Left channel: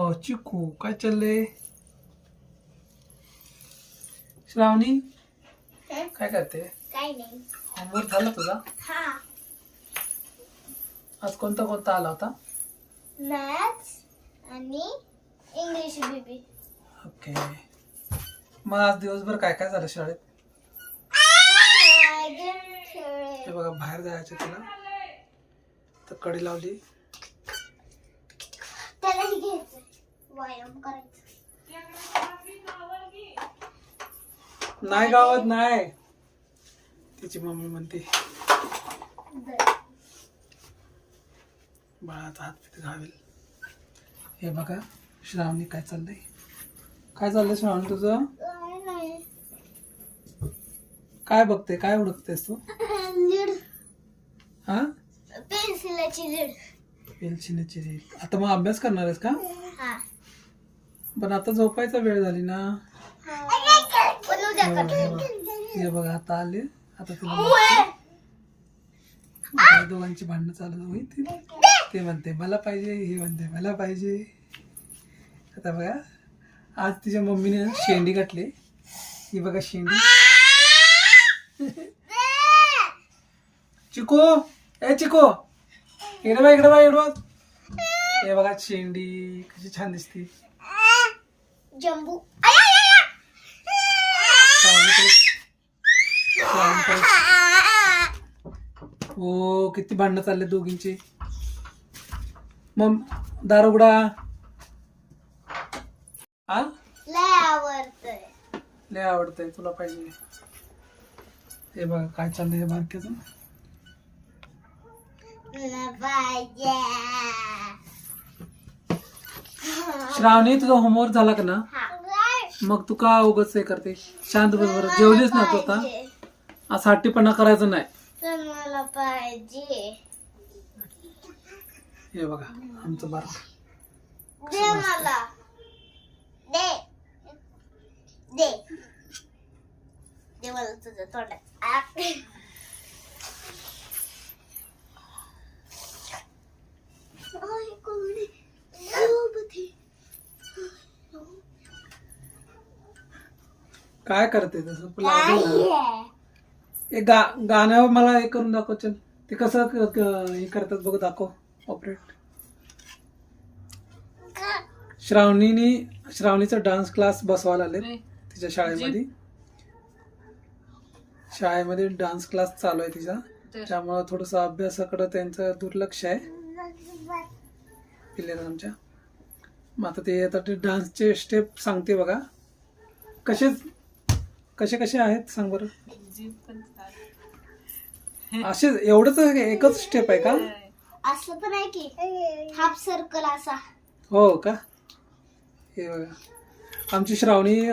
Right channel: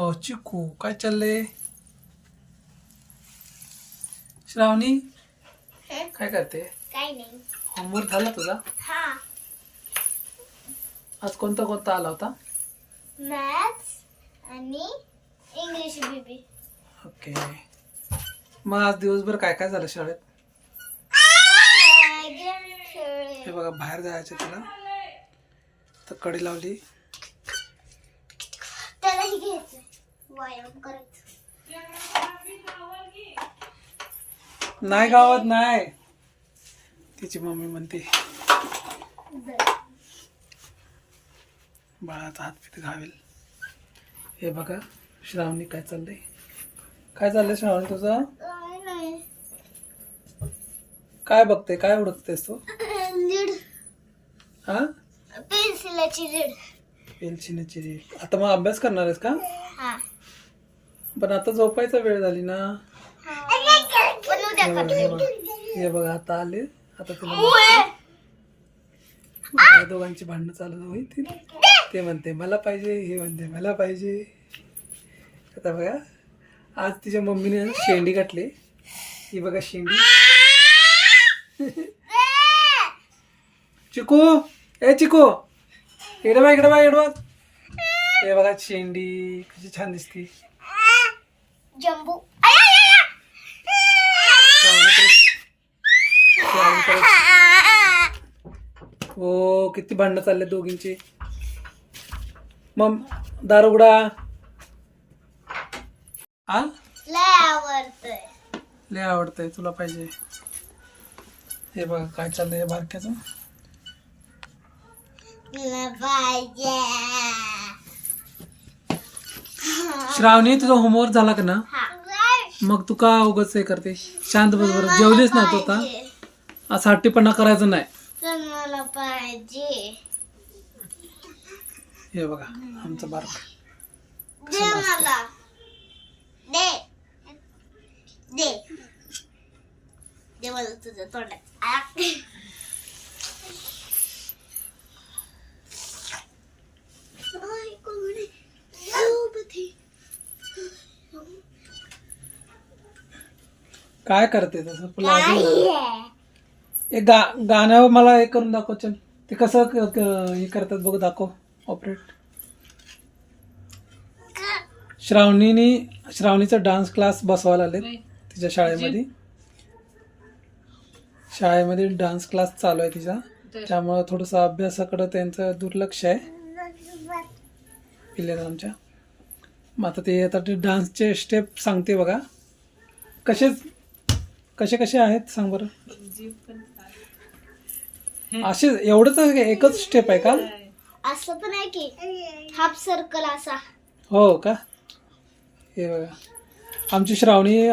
हो चिकू काय चाललंय श्रावणी काय करते? नाही. होमवर्क झाला तुझा? हा. आज कोणता कोणता आला होता? मॅथ्स आणि इंग्लिश बीबी ओके मग आज दिवसभर काय काय झालं शाळेत? हे बघा बाहेर जायचं तुला. तर कडी लावली. त्यालाही घ्यायचं. व्यायाम करायचं. नाही गावात नाही. तिची मम्मी म्हणते बाळाचा हात पित घावेल. हे बघा श्रावणी काय चाललंय? काय चाललंय श्रावणी तुझं? काय बघते काय ओळखतेस तू? हा? पेन्सिलाची रे आता मग अभ्यास करणार आहेस का? हा. पण आता झोपायचा वेळ झाली ना. पण उद्या करते हे बघा आता आले. आता तुला दोघांची भांडणं चालू होईल ते. म्हणते मला पाहिजे हे म्हणते मला पाहिजे. आता बघा आज तिच्या मम्मीने शेंडी घातली. ही बघा शेंडी. चिकू ए चिकू. इकडे बा इकडे बा इकडे. हे बघा शेंडी कशी छान दिसती. जम्बू. हो किती भांडणं चालले दोघींची. मग दार उघडा. आ लय आवडतंय. लय आवडतंय तुला पाहिजे. हे बघा काय चाललंय बारक्याचं? तुला पाहिजे. श्रावणी तुझा होमवर्क झाला का ना? मग तू का उगच हे करते? शांत बस बरं. जेवलीच ना तू आता? असं हट्टीपणा करायचं नाही. मला पाहिजे. हे बघा आमचं बारक. दे मला. दे. दे. दे मला तुझं तोंडात आ. आई, कोण आहे? सोबत आहे. काय करते तसं आहे? एक गा गाण्यावर मला हे करून दाखव चल. ते कसं क- क- हे करतात बघ दाखव. ऑपरेट श्रावणीने श्रावणीचा डान्स क्लास बसवायला आले तिच्या शाळेमध्ये. शाळेमध्ये डान्स क्लास चालू आहे तिचा. त्यामुळं थोडंसं अभ्यासाकडं त्यांचं दुर्लक्ष आहे. पिल्लेला आमच्या. मग आता ते आता ते डान्सचे स्टेप सांगते बघा. कसे कसे कसे आहेत सांग बरं? असे एवढंच एकच स्टेप आहे का? असं पण आहे की हाफ सर्कल असा. हो का? हे बघा. आमची श्रावणी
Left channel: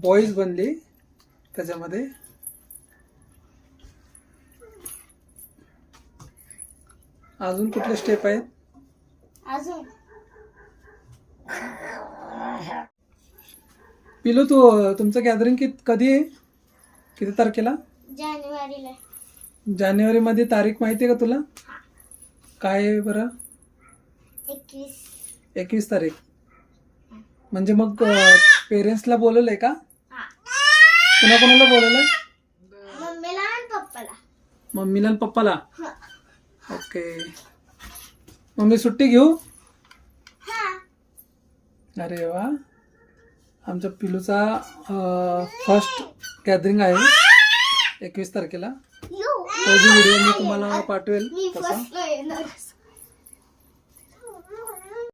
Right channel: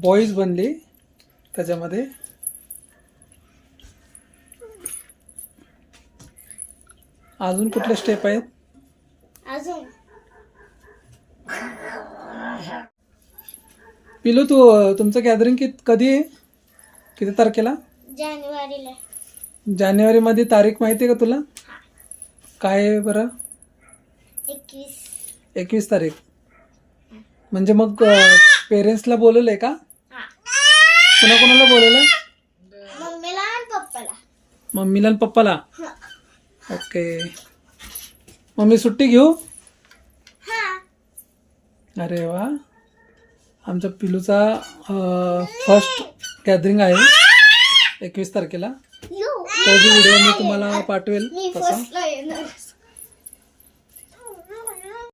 बॉईज बनली त्याच्यामध्ये. अजून कुठले स्टेप आहेत? अजून. पिलू तू तुमचं गॅदरिंग कित कधी आहे? किती तारखेला? जानेवारीला. जानेवारीमध्ये तारीख माहिती आहे का तुला? काय आहे बरं? एकवीस. एकवीस तारीख. म्हणजे मग पेरेंट्सला बोलवलं आहे का? हा. कुणाकुणाला बोलवलं मम्मीला आणि पप्पाला. मम्मीला आणि पप्पाला. ओके. मम्मी सुट्टी घेऊ? हा. अरे वा. आमच्या पिलूचा फर्स्ट गॅदरिंग आहे. एकवीस तारखेला. त्याची व्हिडिओ मी तुम्हाला पाठवेल तसा.